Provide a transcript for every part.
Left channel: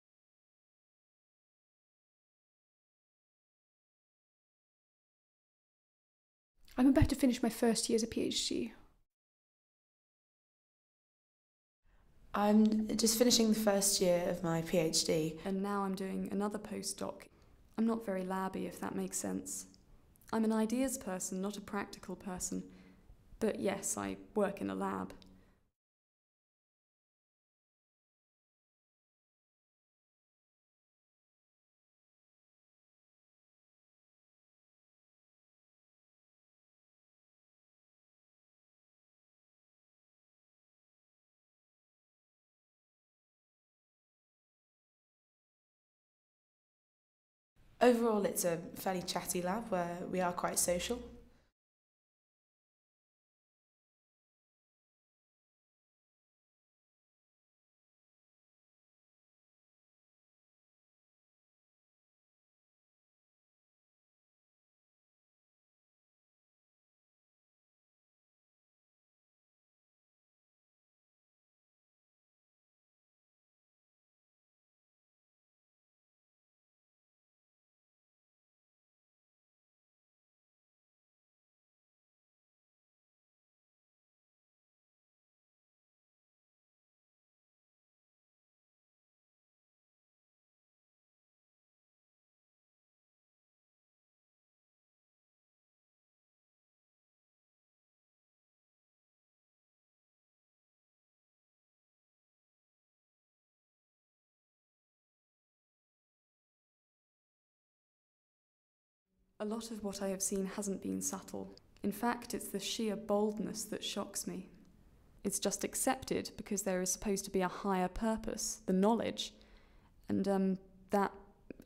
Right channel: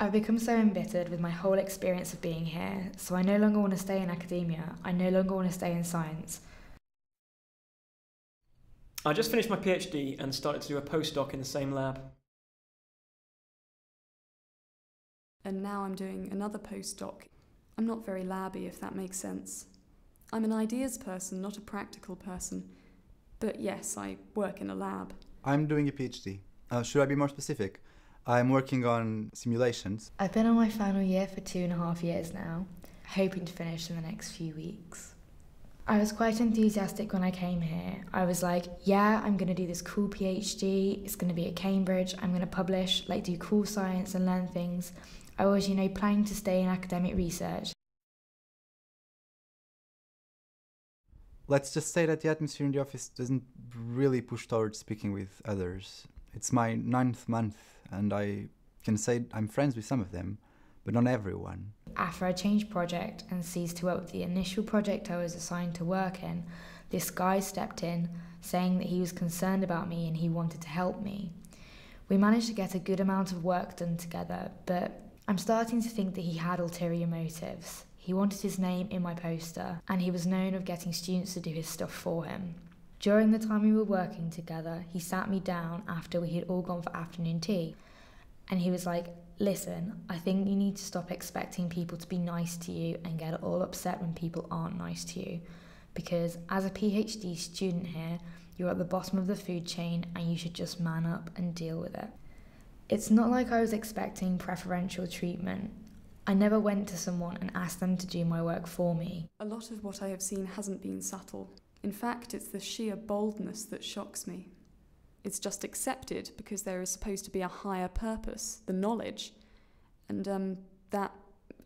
I've become so embittered with my whole experience of being here, so I no longer want to stay in academia, I no longer want to stay in science. I'm about to finish my first year as a PhD. I just finished my PhD and started to do a postdoc in the same lab. I'm just finishing the first year of my PhD. And now I'm doing another postdoc. I'm not very labby, if that makes sense. I'm an ideas person, not a practical person. But yes, I work in a lab. I'm doing a PhD. Should I be more specific? I'm working on simulations. I've been on my final year for 2.5 years now, hoping to finish in the next few weeks. I was quite enthusiastic when I came here. I was like, yeah, I'm going to do this cool PhD, it's going to be at Cambridge, I'm going to publish, do cool science and learn things. I was, planning to stay in academic research. Overall, it's a fairly chatty lab where we are quite social. Let's just say that the atmosphere in the office doesn't really push towards speaking with others. It's my 9th month, and I can say I'm friends with some of them, but not everyone. After I changed project and ceased to work with the initial project I was assigned to work in, this guy stepped in, saying that he was concerned about me and he wanted to help me. We managed to get a good amount of work done together, but I'm starting to think that he had ulterior motives. He wanted his name in my poster, and he was known of getting students to do his stuff for him. During the time we were working together, he sat me down after we had all gone for afternoon tea, and he was like, listen, I think you need to stop expecting people to be nice to you and get all upset when people aren't nice to you, because as a PhD student here, you're at the bottom of the food chain and you should just man up and deal with it. It's not like I was expecting preferential treatment. I never went to someone and asked them to do my work for me. A lot of what I have seen hasn't been subtle. In fact, it's the sheer boldness that shocks me. It's just accepted because there is supposed to be a higher purpose, the knowledge, and that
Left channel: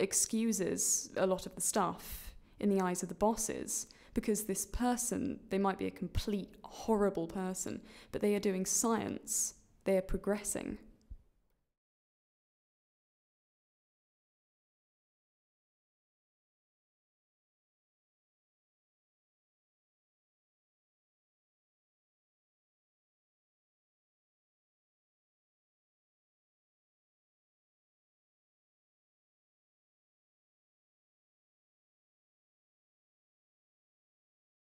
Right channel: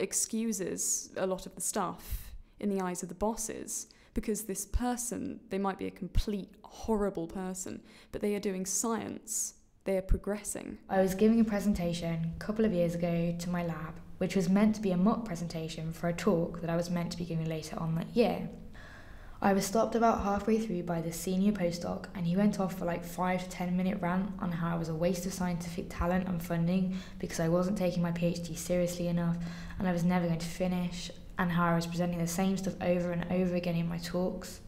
excuses a lot of the stuff in the eyes of the bosses, because this person, they might be a complete horrible person, but they are doing science, they are progressing. I was giving a presentation a couple of years ago to my lab, which was meant to be a mock presentation for a talk that I was meant to be giving later on that year. I was stopped about halfway through by the senior postdoc, and he went off for 5 to 10 minute rant on how I was a waste of scientific talent and funding because I wasn't taking my PhD seriously enough and I was never going to finish, and how I was presenting the same stuff over and over again in my talks.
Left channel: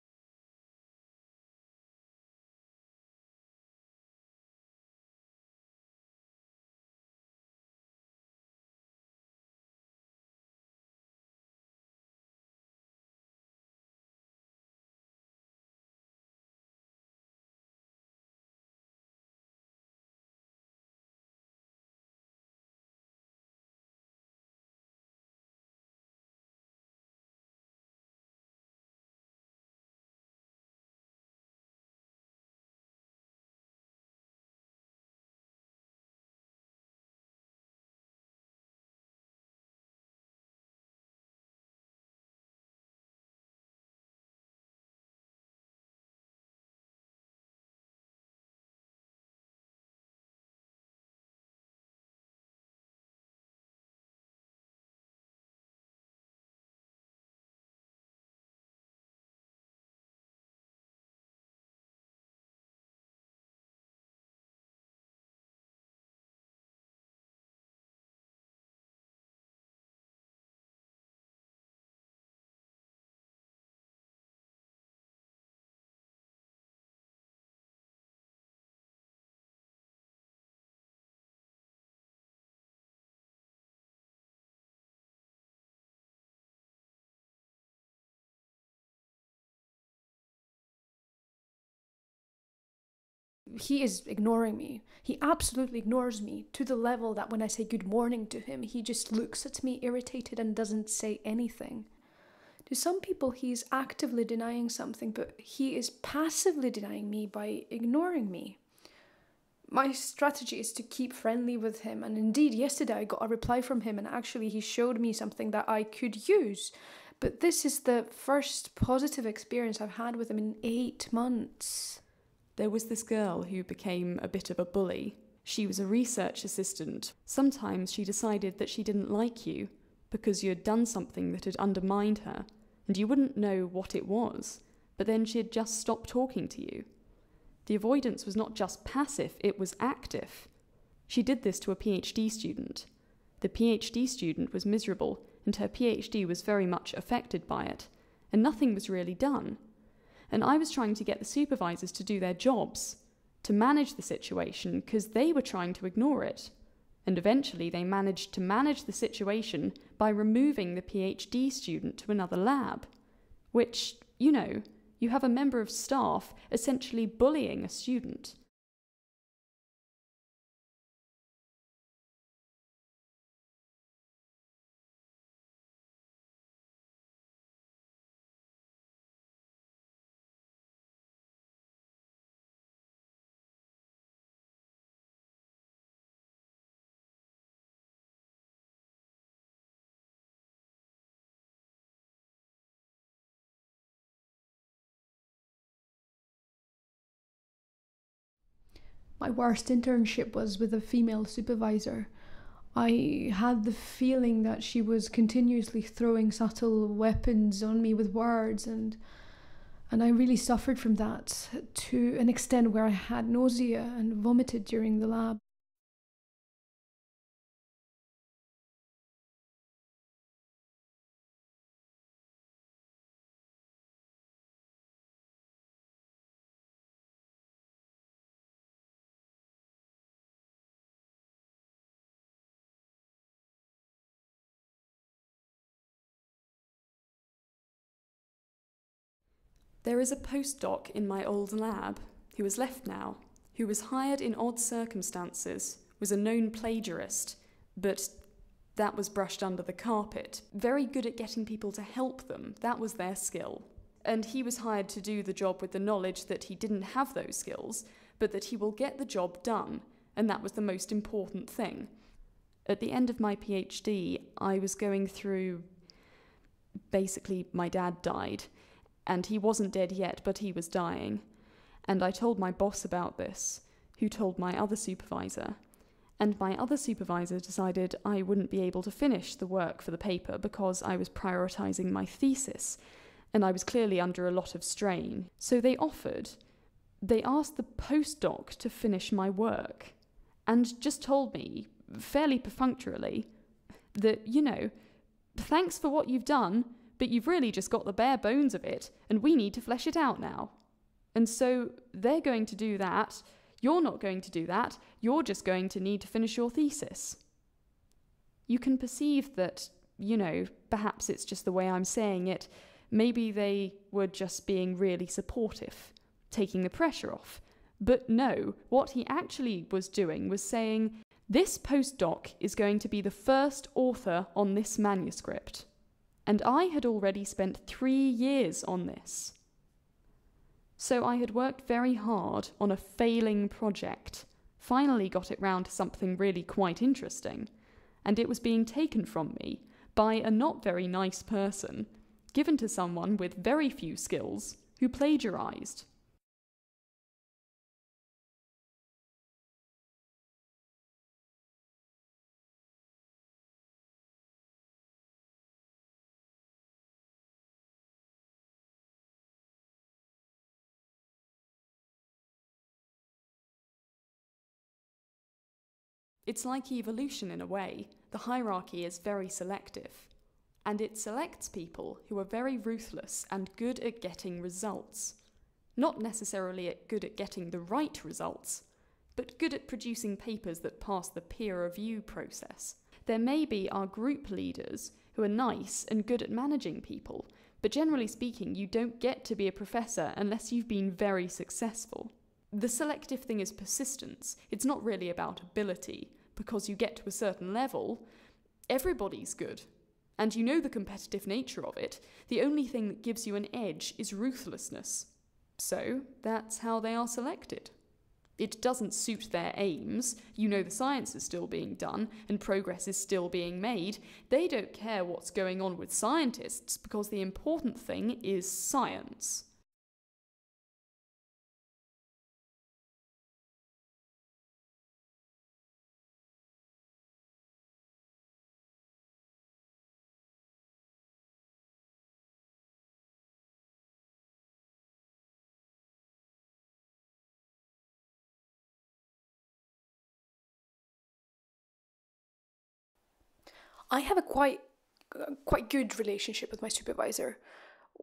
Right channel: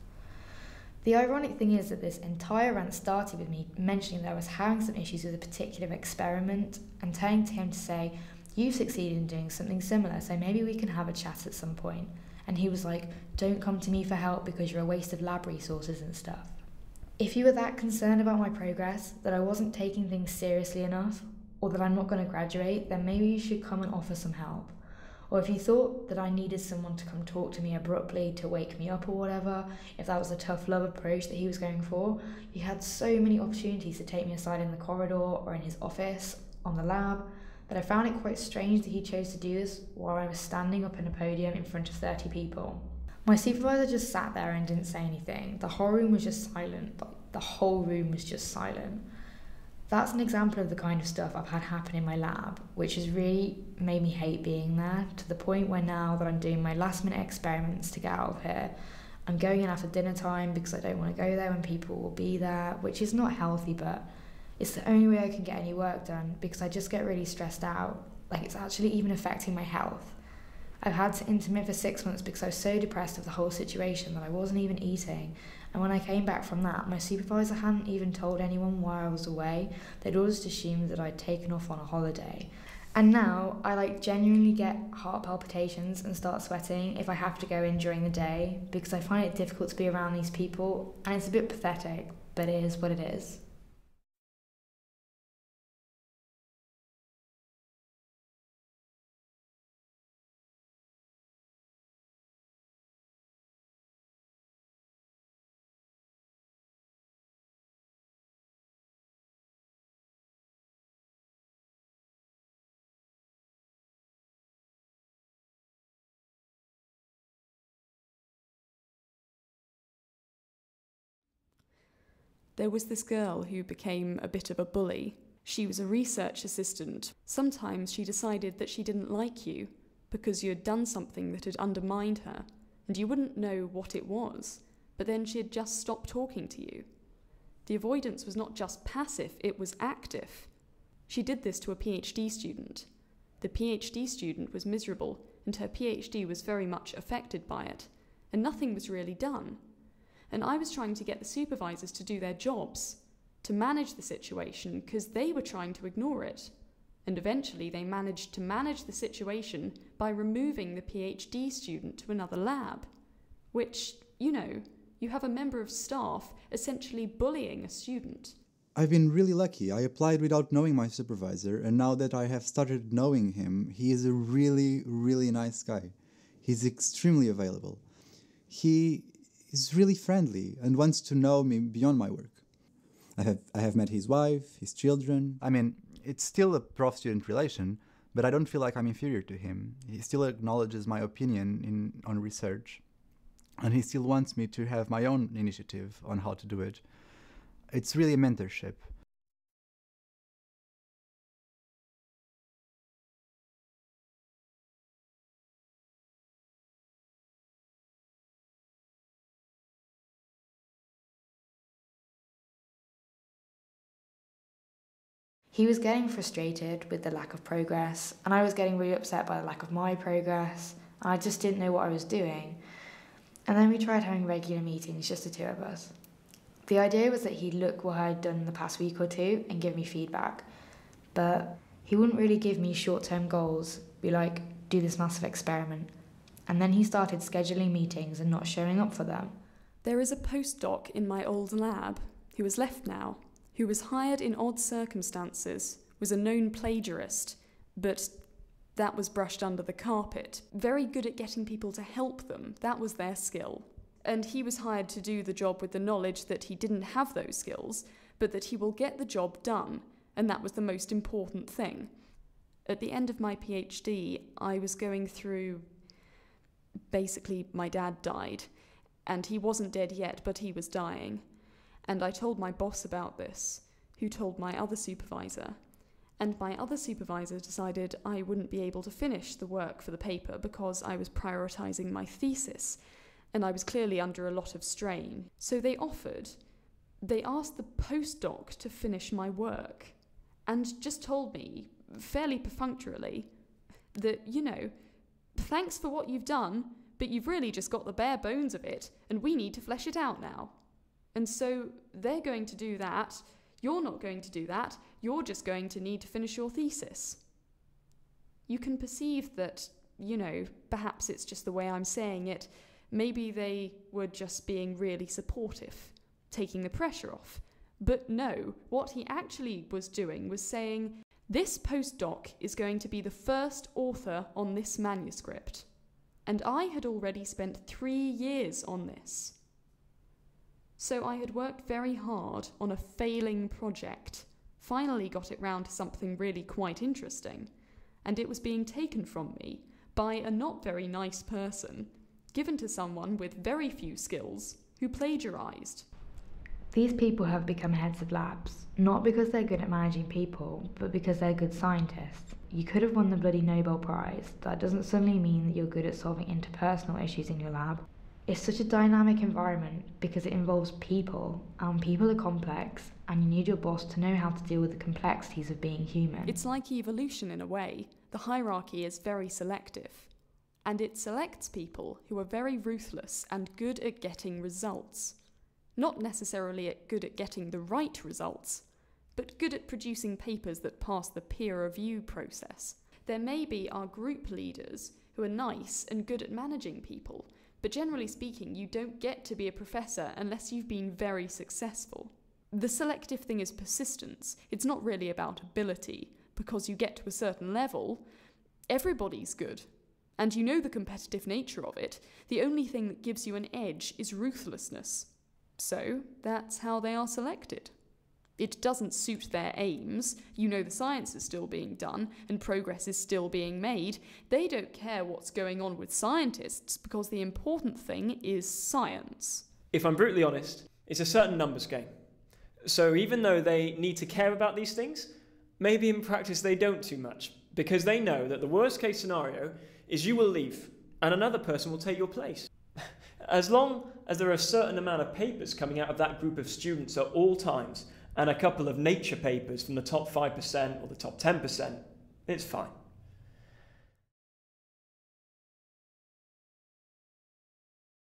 The ironic thing is that this entire rant started with me mentioning that I was having some issues with a particular experiment and turning to him to say, you've succeeded in doing something similar, so maybe we can have a chat at some point. And he was like, don't come to me for help because you're a waste of lab resources and stuff. If you were that concerned about my progress, that I wasn't taking things seriously enough, or that I'm not going to graduate, then maybe you should come and offer some help. Or if you thought that I needed someone to come talk to me abruptly to wake me up or whatever, if that was a tough love approach that he was going for, he had so many opportunities to take me aside in the corridor or in his office, on the lab, that I found it quite strange that he chose to do this while I was standing up in a podium in front of 30 people. My supervisor just sat there and didn't say anything. The whole room was just silent. The whole room was just silent. That's an example of the kind of stuff I've had happen in my lab, which has really made me hate being there, to the point where now that I'm doing my last minute experiments to get out of here, I'm going in after dinner time because I don't want to go there when people will be there, which is not healthy, but it's the only way I can get any work done because I just get really stressed out. It's actually even affecting my health. I've had to intermit for 6 months because I was so depressed of the whole situation that I wasn't even eating. And when I came back from that, my supervisor hadn't even told anyone why I was away. They'd all just assumed that I'd taken off on a holiday. And now I genuinely get heart palpitations and start sweating if I have to go in during the day because I find it difficult to be around these people, and it's a bit pathetic, but it is what it is. He is ignoring me. He absolutely ignores me to the level that when I say good morning to him, he just looks at me irritated and doesn't say anything. To some people, he is actively denying something, but he is passively denying me by ignoring me. My strategy is to keep friendly with him, and indeed yesterday I got a reply from him and actually he showed me something that I could use. But this is the first positive experience I've had with him in 8 months. There was this girl who became a bit of a bully. She was a research assistant. Sometimes she decided that she didn't like you because you had done something that had undermined her, and you wouldn't know what it was, but then she had just stopped talking to you. The avoidance was not just passive, it was active. She did this to a PhD student. The PhD student was miserable, and her PhD was very much affected by it, and nothing was really done. And I was trying to get the supervisors to do their jobs, to manage the situation, because they were trying to ignore it. And eventually they managed to manage the situation by removing the PhD student to another lab, which, you have a member of staff essentially bullying a student. I've been really lucky. I applied without knowing my supervisor, and now that I have started knowing him, he is a really, really nice guy. He's extremely available. He is really friendly and wants to know me beyond my work. I have met his wife, his children. I mean, it's still a prof-student relation, but I don't feel like I'm inferior to him. He still acknowledges my opinion on research, and he still wants me to have my own initiative on how to do it. It's really a mentorship. My worst internship was with a female supervisor. I had the feeling that she was continuously throwing subtle weapons on me with words, and I really suffered from that to an extent where I had nausea and vomited during the lab. He was getting frustrated with the lack of progress, and I was getting really upset by the lack of my progress, and I just didn't know what I was doing. And then we tried having regular meetings, just the two of us. The idea was that he'd look what I'd done in the past week or two and give me feedback, but he wouldn't really give me short-term goals, be like, do this massive experiment. And then he started scheduling meetings and not showing up for them. There is a postdoc in my old lab, who has left now, who was hired in odd circumstances, was a known plagiarist, but that was brushed under the carpet. Very good at getting people to help them, that was their skill. And he was hired to do the job with the knowledge that he didn't have those skills, but that he will get the job done, and that was the most important thing. At the end of my PhD, I was going through... Basically, my dad died, and he wasn't dead yet, but he was dying. And I told my boss about this, who told my other supervisor. And my other supervisor decided I wouldn't be able to finish the work for the paper because I was prioritising my thesis, and I was clearly under a lot of strain. So they asked the postdoc to finish my work, and just told me, fairly perfunctorily, that, thanks for what you've done, but you've really just got the bare bones of it, and we need to flesh it out now. And so they're going to do that, you're not going to do that, you're just going to need to finish your thesis. You can perceive that, perhaps it's just the way I'm saying it, maybe they were just being really supportive, taking the pressure off. But no, what he actually was doing was saying, this postdoc is going to be the first author on this manuscript. And I had already spent 3 years on this. So I had worked very hard on a failing project, finally got it round to something really quite interesting, and it was being taken from me by a not very nice person, given to someone with very few skills, who plagiarised. These people have become heads of labs, not because they're good at managing people, but because they're good scientists. You could have won the bloody Nobel Prize. That doesn't suddenly mean that you're good at solving interpersonal issues in your lab. It's such a dynamic environment because it involves people, and people are complex, and you need your boss to know how to deal with the complexities of being human. It's like evolution in a way. The hierarchy is very selective, and it selects people who are very ruthless and good at getting results. Not necessarily good at getting the right results, but good at producing papers that pass the peer review process. There may be our group leaders who are nice and good at managing people, but generally speaking, you don't get to be a professor unless you've been very successful. The selective thing is persistence. It's not really about ability, because you get to a certain level, everybody's good. And you know the competitive nature of it. The only thing that gives you an edge is ruthlessness. So that's how they are selected. It doesn't suit their aims. You know the science is still being done and progress is still being made. They don't care what's going on with scientists because the important thing is science. If I'm brutally honest, it's a certain numbers game. So even though they need to care about these things, maybe in practice they don't too much, because they know that the worst case scenario is you will leave and another person will take your place. As long as there are a certain amount of papers coming out of that group of students at all times, and a couple of nature papers from the top 5% or the top 10%, it's fine. I have a quite good relationship with my supervisor.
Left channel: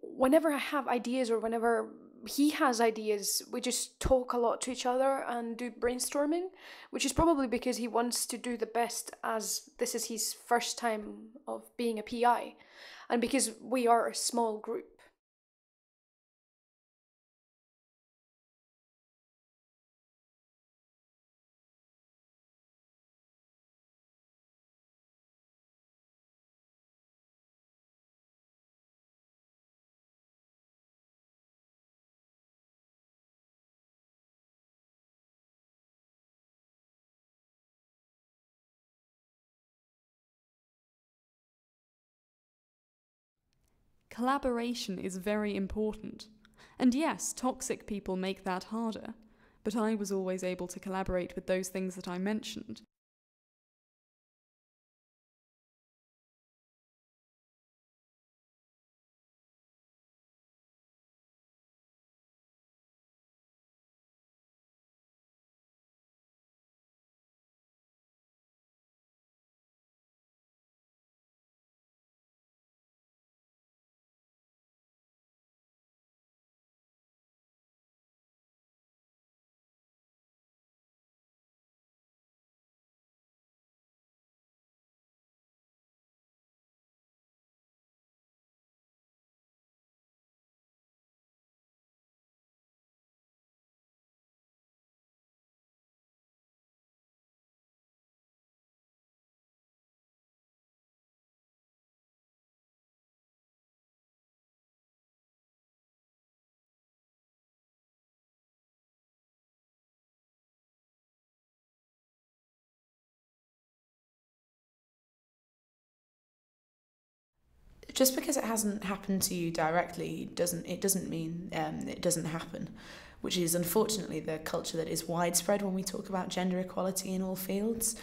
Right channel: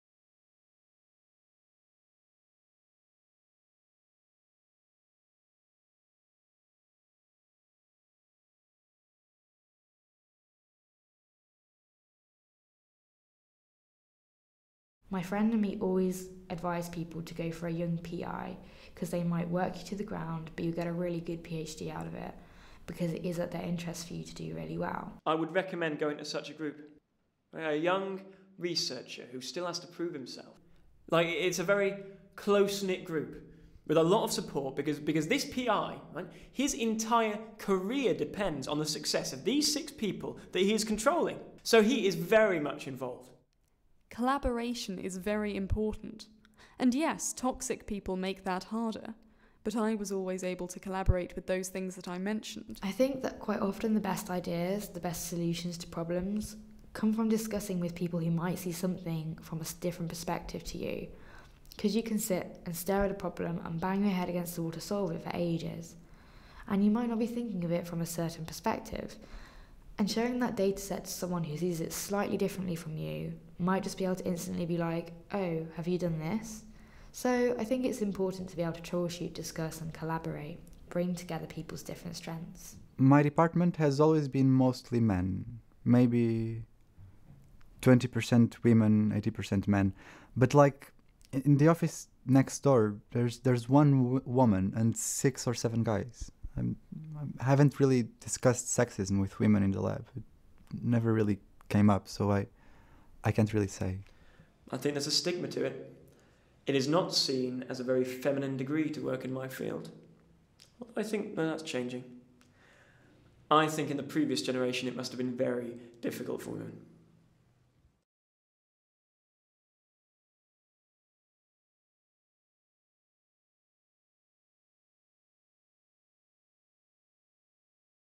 Whenever I have ideas or whenever he has ideas, we just talk a lot to each other and do brainstorming, which is probably because he wants to do the best, as this is his first time of being a PI, and because we are a small group. My friend and me always advise people to go for a young PI because they might work you to the ground, but you get a really good PhD out of it because it is at their interest for you to do really well. I would recommend going to such a group. A young researcher who still has to prove himself. Like, it's a very close-knit group with a lot of support because this PI, right, his entire career depends on the success of these 6 people that he is controlling. So he is very much involved. Collaboration is very important. And yes, toxic people make that harder. But I was always able to collaborate with those things that I mentioned. I think that quite often the best ideas, the best solutions to problems, come from discussing with people who might see something from a different perspective to you. Because you can sit and stare at a problem and bang your head against the wall to solve it for ages. And you might not be thinking of it from a certain perspective. And sharing that data set to someone who sees it slightly differently from you might just be able to instantly be like, oh, have you done this? So I think it's important to be able to troubleshoot, discuss and collaborate, bring together people's different strengths. My department has always been mostly men, maybe 20% women, 80% men. But like in the office next door, there's one woman and 6 or 7 guys. I haven't really discussed sexism with women in the lab. It never really came up, so I can't really say. I think there's a stigma to it. It is not seen as a very feminine degree to work in my field. I think that's changing. I think in the previous generation it must have been very difficult for women. Just because it hasn't happened to you directly doesn't mean it doesn't happen, which is unfortunately the culture that is widespread when we talk about gender equality in all fields.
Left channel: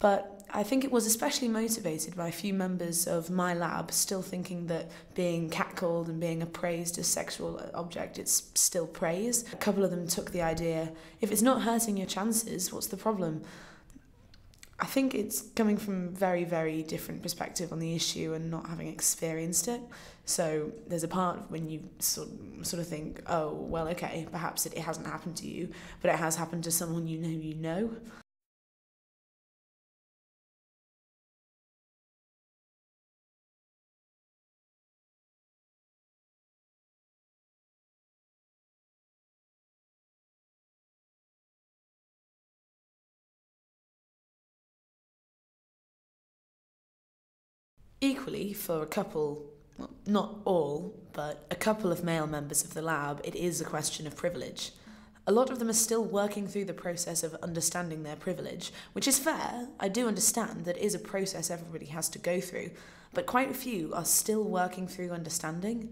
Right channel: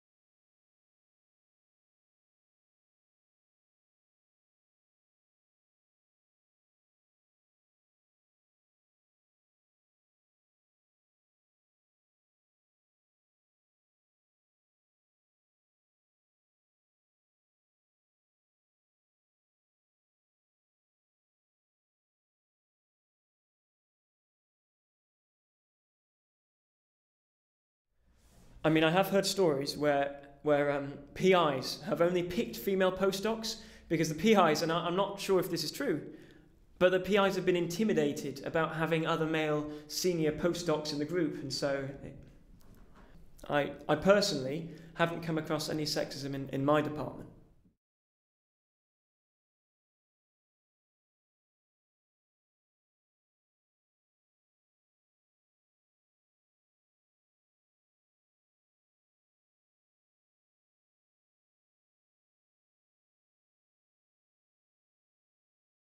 But I think it was especially motivated by a few members of my lab still thinking that being catcalled and being appraised as sexual object is still praise. A couple of them took the idea, if it's not hurting your chances, what's the problem? I think it's coming from very, very different perspective on the issue and not having experienced it. So there's a part when you sort of think, oh, well, okay, perhaps it hasn't happened to you, but it has happened to someone you know. I mean, I have heard stories where PIs have only picked female postdocs because the PIs, and I'm not sure if this is true, but the PIs have been intimidated about having other male senior postdocs in the group, and so I personally haven't come across any sexism in my department. Equally, for a couple, well, not all, but a couple of male members of the lab, it is a question of privilege. A lot of them are still working through the process of understanding their privilege, which is fair. I do understand that it is a process everybody has to go through, but quite a few are still working through understanding.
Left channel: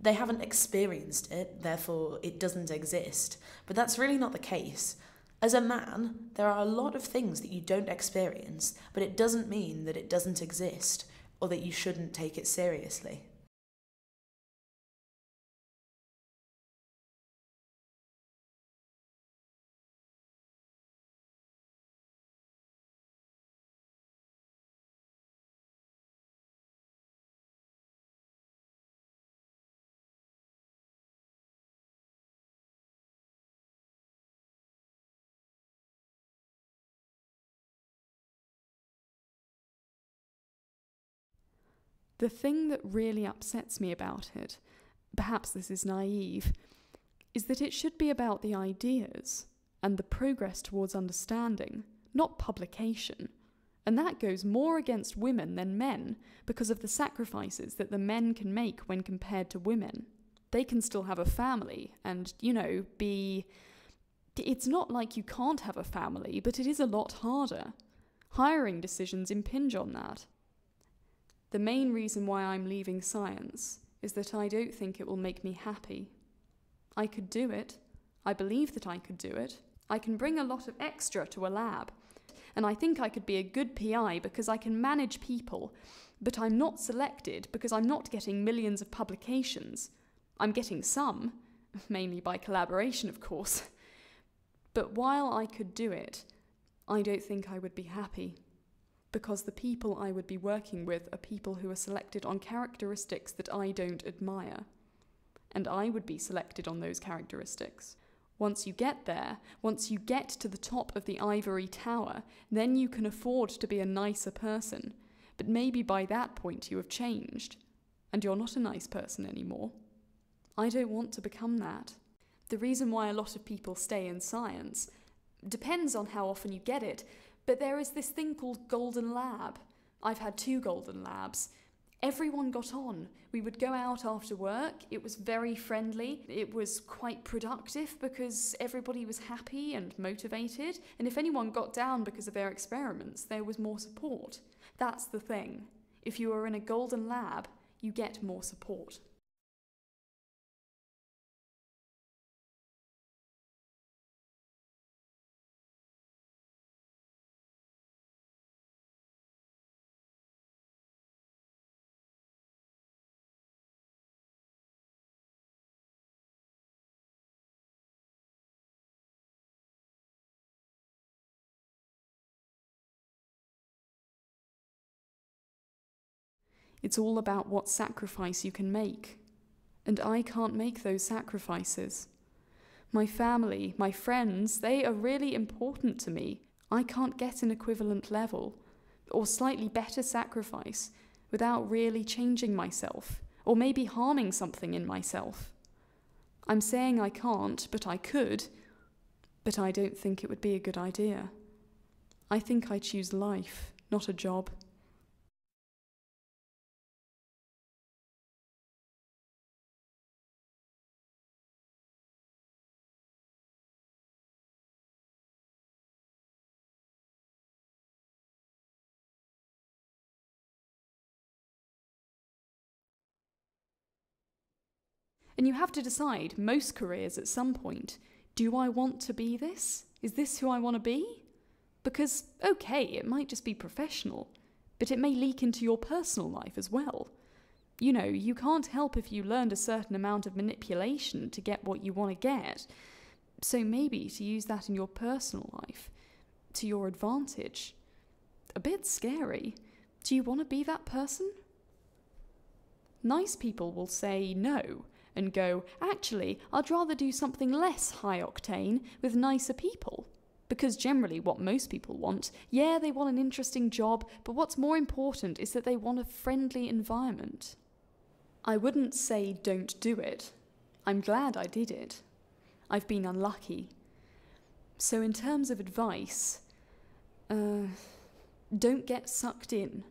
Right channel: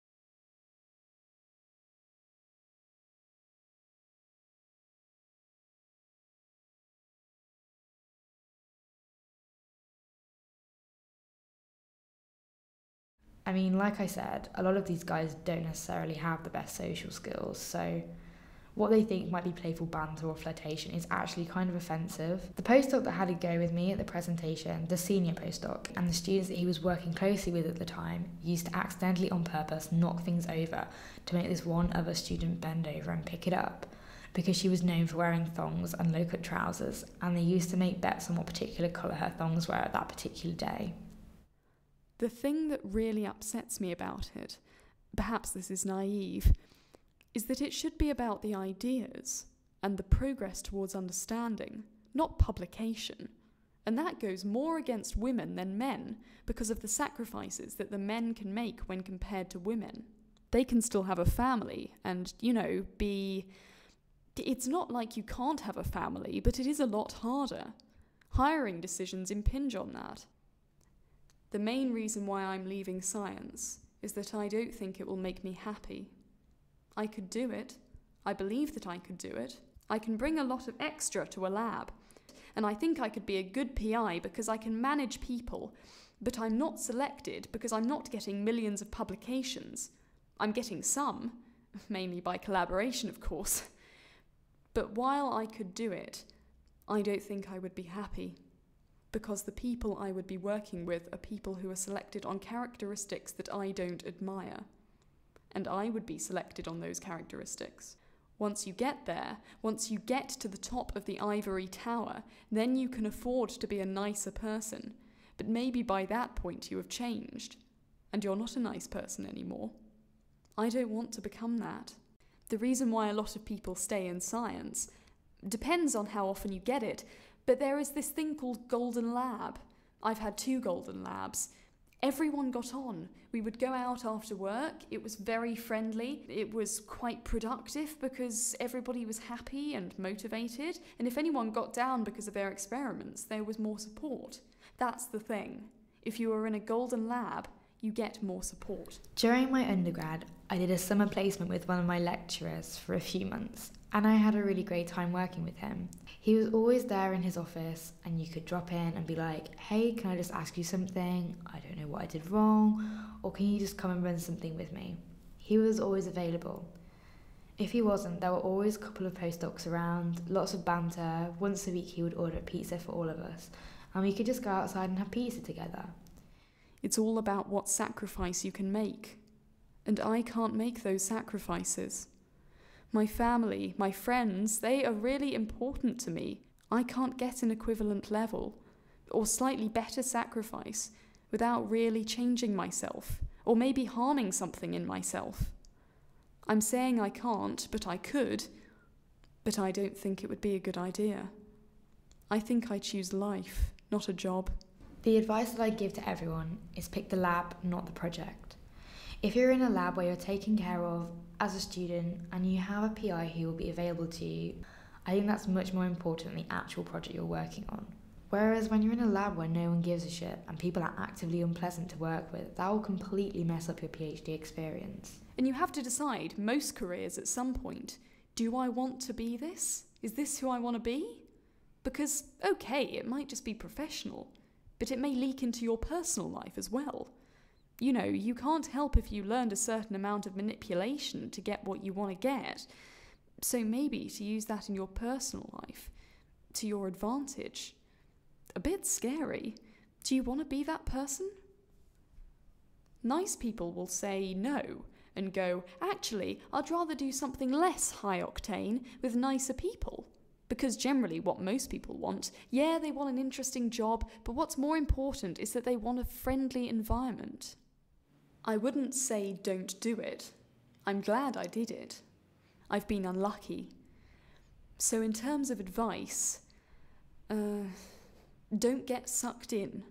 They haven't experienced it, therefore it doesn't exist, but that's really not the case. As a man, there are a lot of things that you don't experience, but it doesn't mean that it doesn't exist or that you shouldn't take it seriously. I mean, like I said, a lot of these guys don't necessarily have the best social skills, so what they think might be playful banter or flirtation is actually kind of offensive. The postdoc that had a go with me at the presentation, the senior postdoc, and the students that he was working closely with at the time used to accidentally on purpose knock things over to make this one other student bend over and pick it up, because she was known for wearing thongs and low-cut trousers, and they used to make bets on what particular colour her thongs were at that particular day. The thing that really upsets me about it, perhaps this is naive, is that it should be about the ideas and the progress towards understanding, not publication. And that goes more against women than men because of the sacrifices that the men can make when compared to women. They can still have a family and, be... It's not like you can't have a family, but it is a lot harder. Hiring decisions impinge on that. The main reason why I'm leaving science is that I don't think it will make me happy. I could do it. I believe that I could do it. I can bring a lot of extra to a lab. And I think I could be a good PI because I can manage people. But I'm not selected because I'm not getting millions of publications. I'm getting some, mainly by collaboration, of course. But while I could do it, I don't think I would be happy. because the people I would be working with are people who are selected on characteristics that I don't admire. And I would be selected on those characteristics. Once you get there, once you get to the top of the ivory tower, then you can afford to be a nicer person. But maybe by that point you have changed, and you're not a nice person anymore. I don't want to become that. The reason why a lot of people stay in science depends on how often you get it, but there is this thing called Golden Lab. I've had 2 Golden Labs. Everyone got on. We would go out after work. It was very friendly. It was quite productive because everybody was happy and motivated. And if anyone got down because of their experiments, there was more support. That's the thing. If you are in a Golden Lab, you get more support. During my undergrad, I did a summer placement with one of my lecturers for a few months, and I had a really great time working with him. He was always there in his office, and you could drop in and be like, hey, can I just ask you something? I don't know what I did wrong, or can you just come and run something with me? He was always available. If he wasn't, there were always a couple of postdocs around, lots of banter. Once a week he would order pizza for all of us, and we could just go outside and have pizza together. It's all about what sacrifice you can make. And I can't make those sacrifices. My family, my friends, they are really important to me. I can't get an equivalent level, or slightly better sacrifice, without really changing myself, or maybe harming something in myself. I'm saying I can't, but I could, but I don't think it would be a good idea. I think I choose life, not a job. The advice that I give to everyone is pick the lab, not the project. If you're in a lab where you're taken care of as a student and you have a PI who will be available to you, I think that's much more important than the actual project you're working on. Whereas when you're in a lab where no one gives a shit and people are actively unpleasant to work with, that will completely mess up your PhD experience. And you have to decide, most careers at some point, do I want to be this? Is this who I want to be? Because, okay, it might just be professional, but it may leak into your personal life as well. You know, you can't help if you learned a certain amount of manipulation to get what you want to get. So maybe to use that in your personal life, to your advantage. A bit scary. Do you want to be that person? Nice people will say no and go, actually, I'd rather do something less high octane with nicer people. Because generally what most people want, yeah, they want an interesting job, but what's more important is that they want a friendly environment. I wouldn't say don't do it. I'm glad I did it. I've been unlucky. So in terms of advice, don't get sucked in.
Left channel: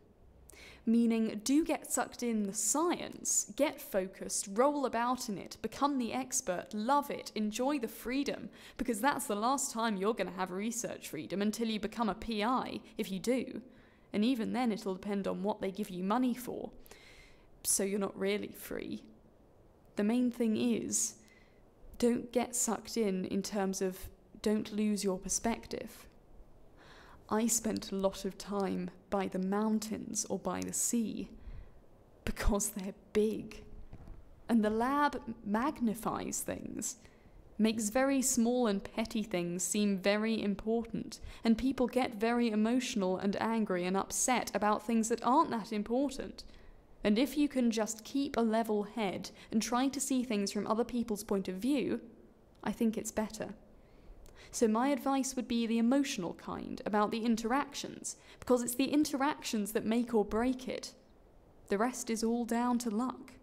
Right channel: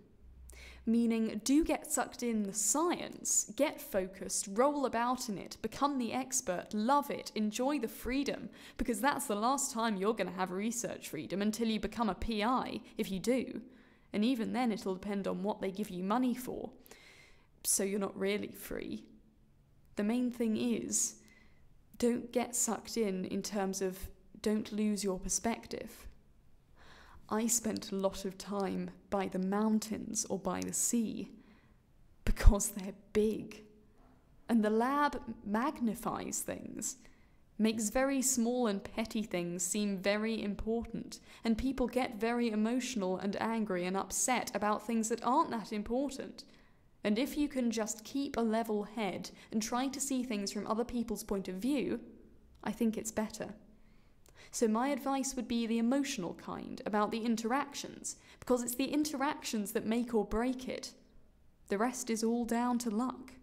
Meaning, do get sucked in the science, get focused, roll about in it, become the expert, love it, enjoy the freedom, because that's the last time you're going to have research freedom until you become a PI, if you do. And even then it'll depend on what they give you money for. So you're not really free. The main thing is, don't get sucked in terms of don't lose your perspective. I spent a lot of time by the mountains or by the sea because they're big. And the lab magnifies things, makes very small and petty things seem very important, and people get very emotional and angry and upset about things that aren't that important. And if you can just keep a level head and try to see things from other people's point of view, I think it's better. So my advice would be the emotional kind, about the interactions, because it's the interactions that make or break it. The rest is all down to luck.